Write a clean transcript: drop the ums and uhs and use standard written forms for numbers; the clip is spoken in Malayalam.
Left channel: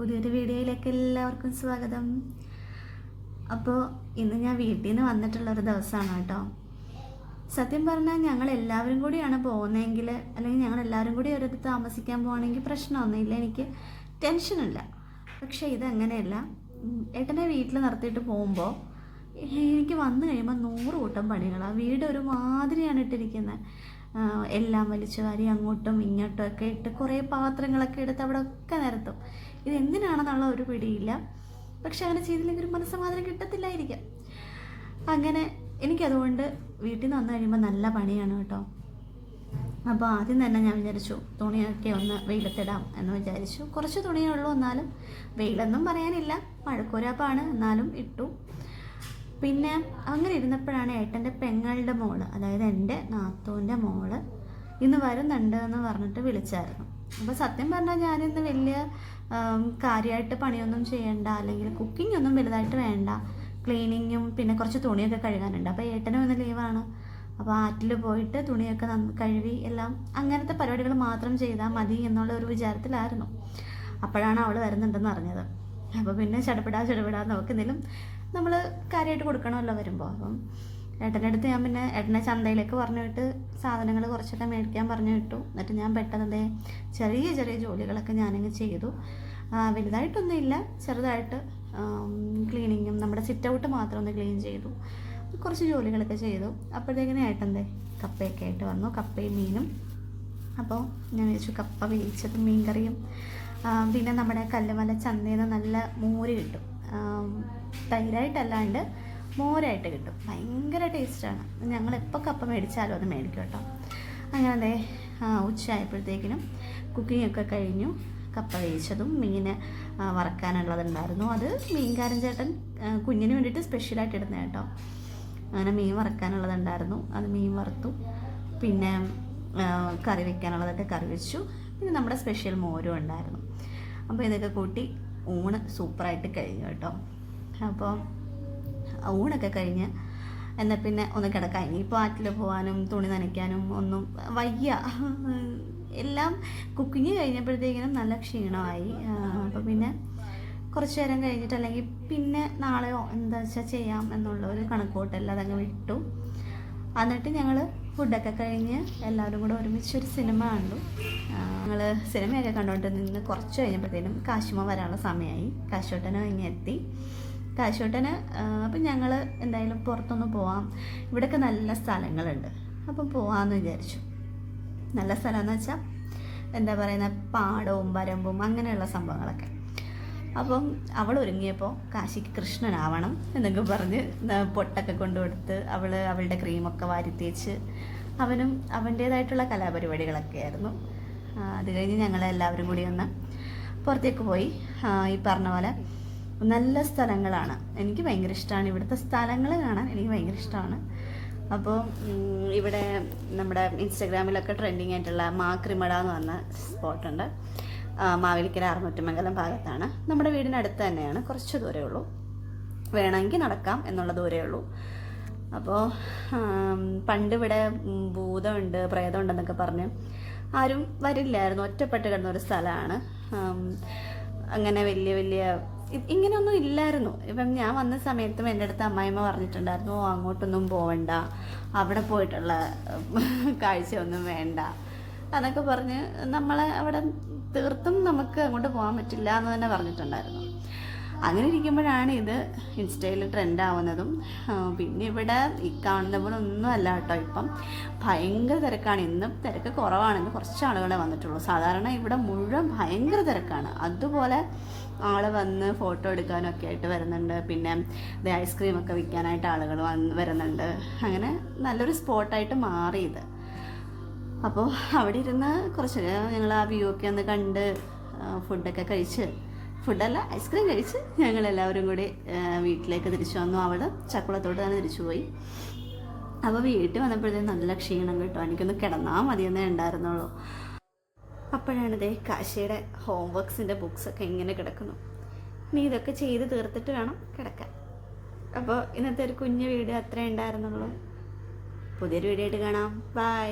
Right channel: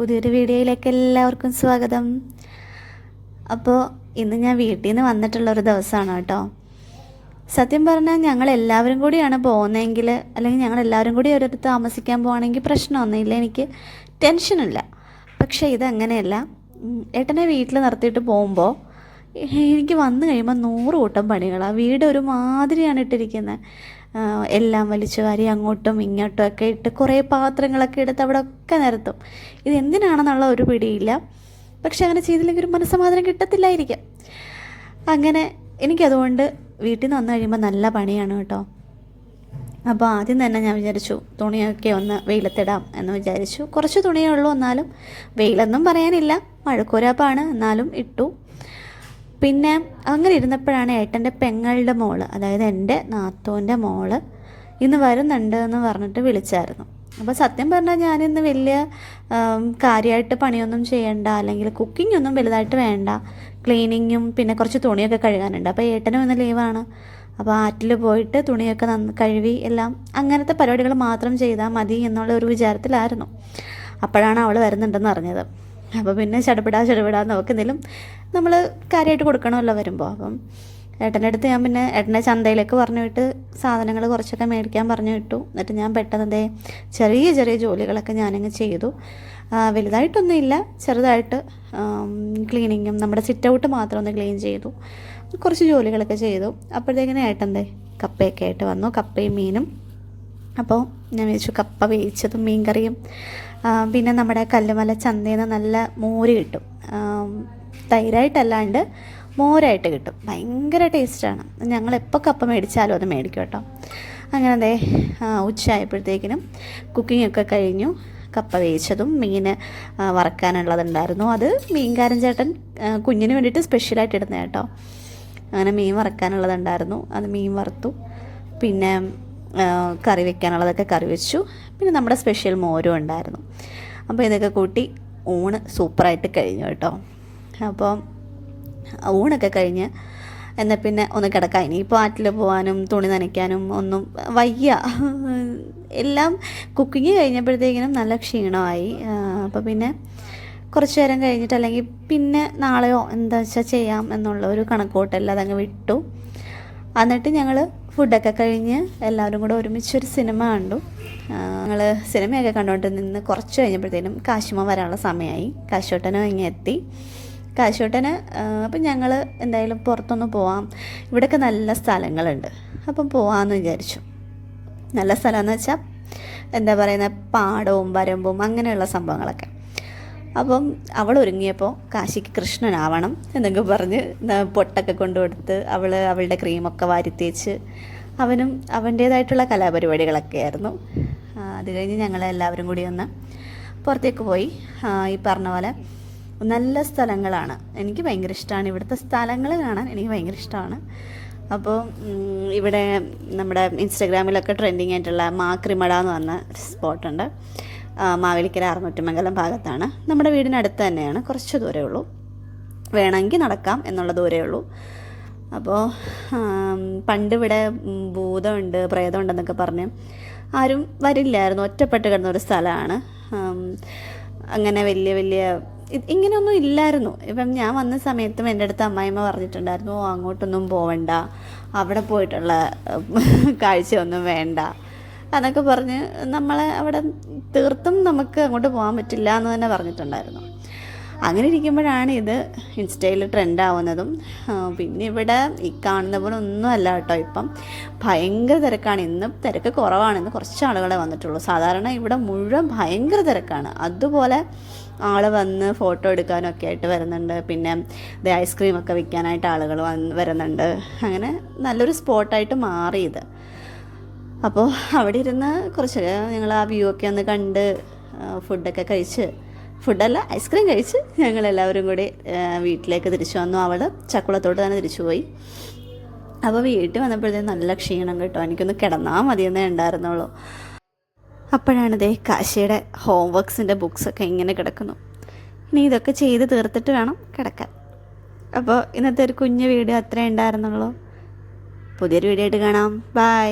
പുതിയൊരു വീഡിയോയിലേക്ക് എല്ലാവർക്കും സ്വാഗതം. അപ്പോൾ ഇന്ന് ഞാൻ വീട്ടിൽ നിന്ന് വന്നിട്ടുള്ളൊരു ദിവസമാണ് കേട്ടോ. സത്യം പറഞ്ഞാൽ ഞങ്ങളെല്ലാവരും കൂടിയാണ് പോകുന്നതെങ്കിൽ, അല്ലെങ്കിൽ ഞങ്ങളെല്ലാവരും കൂടി ഒരിടത്ത് താമസിക്കാൻ പോകുകയാണെങ്കിൽ പ്രശ്നമൊന്നുമില്ല, എനിക്ക് ടെൻഷനില്ല. പക്ഷേ ഇതങ്ങനെയല്ല. ഏട്ടനെ വീട്ടിൽ നിർത്തിയിട്ട് പോകുമ്പോൾ എനിക്ക് വന്നു കഴിയുമ്പോൾ 100 കൂട്ടം പണികളാണ്. വീട് ഒരു മാതിരിയാണ് ഇട്ടിരിക്കുന്നത്. എല്ലാം വലിച്ചു വാരി അങ്ങോട്ടും ഇങ്ങോട്ടും ഒക്കെ ഇട്ട് കുറേ പാത്രങ്ങളൊക്കെ എടുത്ത് അവിടെ ഒക്കെ നിരത്തും. ഇത് എന്തിനാണെന്നുള്ള ഒരു പിടിയില്ല. പക്ഷെ അങ്ങനെ ചെയ്തില്ലെങ്കിൽ ഒരു മനസ്സമാധാനം കിട്ടത്തില്ലായിരിക്കും. അങ്ങനെ എനിക്കതുകൊണ്ട് വീട്ടിൽ നിന്ന് വന്നു കഴിയുമ്പോൾ നല്ല പണിയാണ് കേട്ടോ. അപ്പോൾ ആദ്യം തന്നെ ഞാൻ വിചാരിച്ചു തുണിയൊക്കെ ഒന്ന് വെയിലത്തിടാം എന്ന് വിചാരിച്ചു. കുറച്ച് തുണിയേ ഉള്ളൂ, എന്നാലും വെയിലൊന്നും പറയാനില്ല, മഴക്കോരാപ്പാണ്, എന്നാലും ഇട്ടു. പിന്നെ അങ്ങനെ ഇരുന്നപ്പോഴാണ് ഏട്ടൻ്റെ പെങ്ങളുടെ മോള്, അതായത് എൻ്റെ നാത്തൂൻ്റെ മോള് ഇന്ന് വരുന്നുണ്ട് എന്ന് പറഞ്ഞിട്ട് വിളിച്ചായിരുന്നു. അപ്പോൾ സത്യം പറഞ്ഞാൽ ഞാനിന്ന് വലിയ കാര്യമായിട്ട് പണിയൊന്നും ചെയ്യണ്ട, അല്ലെങ്കിൽ കുക്കിംഗ് ഒന്നും വലുതായിട്ട് വേണ്ട, ക്ലീനിങ്ങും പിന്നെ കുറച്ച് തുണിയൊക്കെ കഴുകാനുണ്ട്. അപ്പോൾ ഏട്ടനും ഇന്ന് ലീവാണ്. അപ്പോൾ ആറ്റിൽ പോയിട്ട് തുണിയൊക്കെ കഴുകി എല്ലാം അങ്ങനത്തെ പരിപാടികൾ മാത്രം ചെയ്താൽ മതി എന്നുള്ള ഒരു വിചാരത്തിലായിരുന്നു. അപ്പോഴാണ് അവൾ വരുന്നുണ്ടെന്ന് അറിഞ്ഞത്. അപ്പോൾ പിന്നെ ചടപിടാ നോക്കുന്നില്ലും നമ്മൾ കാര്യമായിട്ട് കൊടുക്കണമല്ലോ വരുമ്പോൾ. അപ്പം ഏട്ടൻ്റെ അടുത്ത് ഞാൻ പിന്നെ ഏട്ടനെ ചന്തയിലേക്ക് പറഞ്ഞു വിട്ട് സാധനങ്ങൾ കുറച്ചൊക്കെ മേടിക്കാൻ പറഞ്ഞു വിട്ടു. എന്നിട്ട് ഞാൻ പെട്ടെന്ന് ചെറിയ ജോലികളൊക്കെ ഞാനങ്ങ് ചെയ്തു. വലുതായിട്ടൊന്നുമില്ല, ചെറുതായിട്ട് ക്ലീനിങ്ങും നമ്മുടെ സിറ്റ് ഔട്ട് മാത്രം ഒന്ന് ക്ലീൻ ചെയ്തു, കുറച്ച് ജോലികളൊക്കെ ചെയ്തു. അപ്പോഴത്തേക്കിനെ ഏട്ടൻ്റെ കപ്പയൊക്കെ ആയിട്ട് വന്നു, കപ്പയും മീനും. അപ്പോൾ ഞാൻ വിചാരിച്ചു കപ്പ വേവിച്ചതും മീൻ കറിയും, പിന്നെ നമ്മുടെ കല്ലുമല ചന്തയിൽ നിന്ന് നല്ല മോര് കിട്ടും, തൈരായിട്ടല്ലാണ്ട് മോരായിട്ട് കിട്ടും, ഭയങ്കര ടേസ്റ്റാണ്. ഞങ്ങളെപ്പോൾ കപ്പ മേടിച്ചാലും അത് മേടിക്കും കേട്ടോ. അങ്ങനെ ഉച്ചയായപ്പോഴത്തേക്കിനും കുക്കിങ്ങൊക്കെ കഴിഞ്ഞു. കപ്പ വേവിച്ചതും മീൻ വറക്കാനുള്ളതുണ്ടായിരുന്നു. അത് മീൻകാരൻ ചേട്ടൻ കുഞ്ഞിന് വേണ്ടിയിട്ട് സ്പെഷ്യലായിട്ട് ഇടുന്നത് കേട്ടോ. അങ്ങനെ മീൻ വറക്കാനുള്ളതുണ്ടായിരുന്നു, അത് മീൻ വറുത്തു. പിന്നെ കറി വെക്കാനുള്ളതൊക്കെ കറി വെച്ചു. പിന്നെ നമ്മുടെ സ്പെഷ്യൽ മോരും ഉണ്ടായിരുന്നു. അപ്പോൾ ഇതൊക്കെ കൂട്ടി ഊണ് സൂപ്പറായിട്ട് കഴിഞ്ഞു കേട്ടോ. അപ്പോൾ ഊണൊക്കെ കഴിഞ്ഞ് എന്നാൽ പിന്നെ ഒന്ന് കിടക്കാം. ഇനിയിപ്പോൾ ആറ്റിൽ പോകാനും തുണി നനയ്ക്കാനും ഒന്നും വയ്യ. എല്ലാം കുക്കിങ് കഴിഞ്ഞപ്പോഴത്തേക്കിനും നല്ല ക്ഷീണമായി. അപ്പോൾ പിന്നെ കുറച്ച് നേരം കഴിഞ്ഞിട്ട്, അല്ലെങ്കിൽ പിന്നെ നാളെയോ എന്താ വെച്ചാൽ ചെയ്യാം എന്നുള്ള ഒരു കണക്കൂട്ടല്ല, അതങ്ങ് വിട്ടു. എന്നിട്ട് ഞങ്ങൾ ഫുഡൊക്കെ കഴിഞ്ഞ് എല്ലാവരും കൂടെ ഒരുമിച്ചൊരു സിനിമ കണ്ടു. ഞങ്ങൾ സിനിമയൊക്കെ കണ്ടുകൊണ്ട് നിന്ന് കുറച്ച് കഴിഞ്ഞപ്പോഴത്തേനും കാശുമ വരാനുള്ള സമയമായി. കാശോട്ടനും ഇങ്ങനെ എത്തി. കാശോട്ടന് അപ്പം ഞങ്ങൾ എന്തായാലും പുറത്തൊന്ന് പോവാം, ഇവിടെയൊക്കെ നല്ല സ്ഥലങ്ങളുണ്ട്, അപ്പം പോവാമെന്ന് വിചാരിച്ചു. നല്ല സ്ഥലമെന്ന് വെച്ചാൽ എന്താ പറയുന്നത്, പാടവും വരമ്പും അങ്ങനെയുള്ള സംഭവങ്ങളൊക്കെ. അപ്പം അവൾ ഒരുങ്ങിയപ്പോൾ കാശിക്ക് കൃഷ്ണനാവണം എന്നൊക്കെ പറഞ്ഞ് പൊട്ടൊക്കെ കൊണ്ടുകൊടുത്ത് അവളുടെ ക്രീമൊക്കെ വാരിത്തേച്ച് അവനും അവൻ്റേതായിട്ടുള്ള കലാപരിപാടികളൊക്കെ ആയിരുന്നു. അത് കഴിഞ്ഞ് ഞങ്ങളെല്ലാവരും കൂടി ഒന്ന് പുറത്തേക്ക് പോയി. ഈ പറഞ്ഞ പോലെ നല്ല സ്ഥലങ്ങളാണ്, എനിക്ക് ഭയങ്കര ഇഷ്ടമാണ് ഇവിടുത്തെ സ്ഥലങ്ങൾ കാണാൻ, എനിക്ക് ഭയങ്കര ഇഷ്ടമാണ്. അപ്പോൾ ഇവിടെ നമ്മുടെ ഇൻസ്റ്റാഗ്രാമിലൊക്കെ ട്രെൻഡിങ് ആയിട്ടുള്ള മാക്രിമട എന്ന് പറഞ്ഞ സ്പോട്ടുണ്ട്. മാവേലിക്കര ആറമുറ്റമംഗലം ഭാഗത്താണ്. നമ്മുടെ വീടിനടുത്ത് തന്നെയാണ്, കുറച്ച് ദൂരമേ ഉള്ളൂ, വേണമെങ്കിൽ നടക്കാം എന്നുള്ള ദൂരമേ ഉള്ളൂ. അപ്പോൾ പണ്ടിവിടെ ഭൂതമുണ്ട് പ്രേതമുണ്ടെന്നൊക്കെ പറഞ്ഞ് ആരും വരില്ലായിരുന്നു, ഒറ്റപ്പെട്ട് കിടന്നൊരു സ്ഥലമാണ്. അങ്ങനെ വലിയ ഇങ്ങനെയൊന്നും ഇല്ലായിരുന്നു. ഇപ്പം ഞാൻ വന്ന സമയത്തും എൻ്റെ അടുത്ത് അമ്മായിമ്മ പറഞ്ഞിട്ടുണ്ടായിരുന്നു, അങ്ങോട്ടൊന്നും പോവണ്ട, അവിടെ പോയിട്ടുള്ള കാഴ്ചയൊന്നും വേണ്ട എന്നൊക്കെ പറഞ്ഞ് നമ്മളെ അവിടെ തീർത്തും നമുക്ക് അങ്ങോട്ട് പോകാൻ പറ്റില്ല എന്ന് തന്നെ പറഞ്ഞിട്ടുണ്ടായിരുന്നു. അങ്ങനെ ഇരിക്കുമ്പോഴാണ് ഇത് ഇൻസ്റ്റയിൽ ട്രെൻഡാവുന്നതും. പിന്നെ ഇവിടെ ഈ കാണുന്ന പോലെ ഒന്നും അല്ല കേട്ടോ, ഇപ്പം ഭയങ്കര തിരക്കാണ്. ഇന്ന് തിരക്ക് കുറവാണ്, ഇന്ന് കുറച്ച് ആളുകളെ വന്നിട്ടുള്ളൂ. സാധാരണ ഇവിടെ മുഴുവൻ ഭയങ്കര തിരക്കാണ്. അതുപോലെ ആൾ വന്ന് ഫോട്ടോ എടുക്കാനൊക്കെ ആയിട്ട് വരുന്നുണ്ട്. പിന്നെ ഐസ്ക്രീമൊക്കെ വിൽക്കാനായിട്ട് ആളുകൾ വരുന്നുണ്ട്. അങ്ങനെ നല്ലൊരു സ്പോട്ടായിട്ട് മാറി ഇത്. അപ്പോൾ അവിടെ ഇരുന്ന് കുറച്ച് ഞങ്ങൾ ആ വ്യൂ ഒക്കെ ഒന്ന് കണ്ട് ഫുഡൊക്കെ കഴിച്ച്, ഫുഡല്ല ഐസ്ക്രീം കഴിച്ച് ഞങ്ങളെല്ലാവരും കൂടി വീട്ടിലേക്ക് തിരിച്ചു വന്നു. അവൾ ചക്കുളത്തോട്ട് തന്നെ തിരിച്ചു പോയി. അപ്പോൾ വീട്ടിൽ വന്നപ്പോഴത്തേക്കും നല്ല ക്ഷീണം കേട്ടോ, എനിക്കൊന്ന് കിടന്നാൽ മതിയെന്നേ ഉണ്ടായിരുന്നുള്ളൂ. അപ്പോഴാണ് കാശിയുടെ ഹോംവർക്സിൻ്റെ ബുക്സൊക്കെ ഇങ്ങനെ കിടക്കുന്നു. ഇനി ഇതൊക്കെ ചെയ്ത് തീർത്തിട്ട് വേണം കിടക്കാൻ. അപ്പോൾ ഇന്നത്തെ ഒരു കുഞ്ഞു വീഡിയോ അത്രേ ഉണ്ടായിരുന്നുള്ളൂ. പുതിയൊരു വീഡിയോ ആയിട്ട് കാണാം. ബൈ.